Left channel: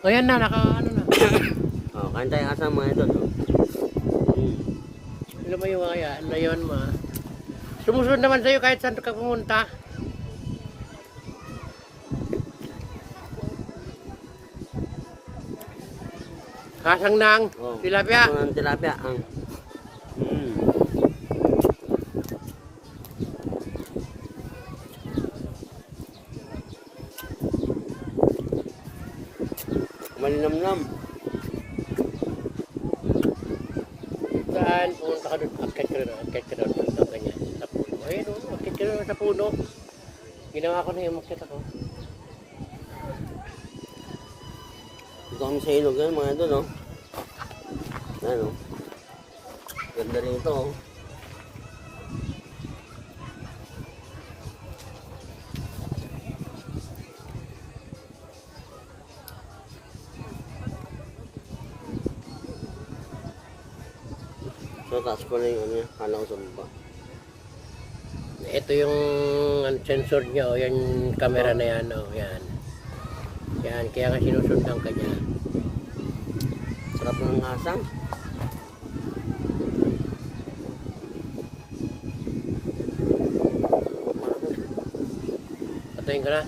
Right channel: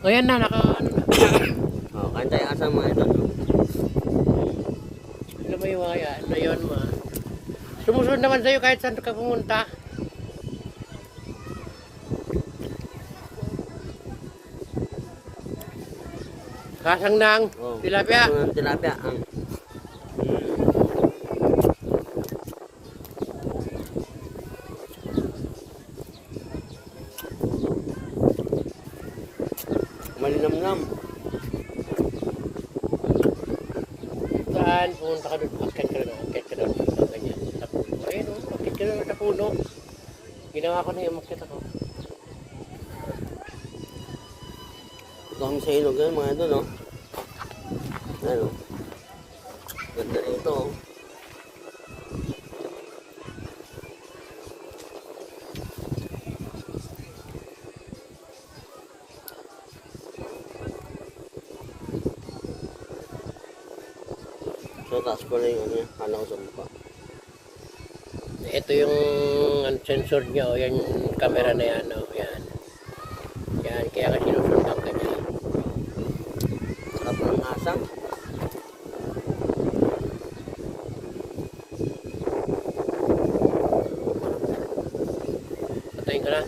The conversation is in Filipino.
O yan na, ano na. Oh, kain tayo asam mga ito. No? Ano ba yung mga ano yun mo? Sumusunod naman sa'yo kahit saan ka pumunta. Kasang nang Oh, tilapia. kaso ng tilapia. Ang malinamnam. Saan? Pumunta ka doon. Akit ka doon. Akit ka doon. Ganyan. Sa puno. Ayun o. Akit ka doon sa puno. Ginawa ko na yung makit ako. Ito kami sa ilog yan mga ito, no? Ano? Ganda rin ito, oh. So, taas ko na yung ano yan. Kala ko sa mukha. Ito yung sensor niya. O yan yung camera na yan. O yan. Yan. Kaya nga sinusundan ka niya. Sarap ng asang. Patayin ka na.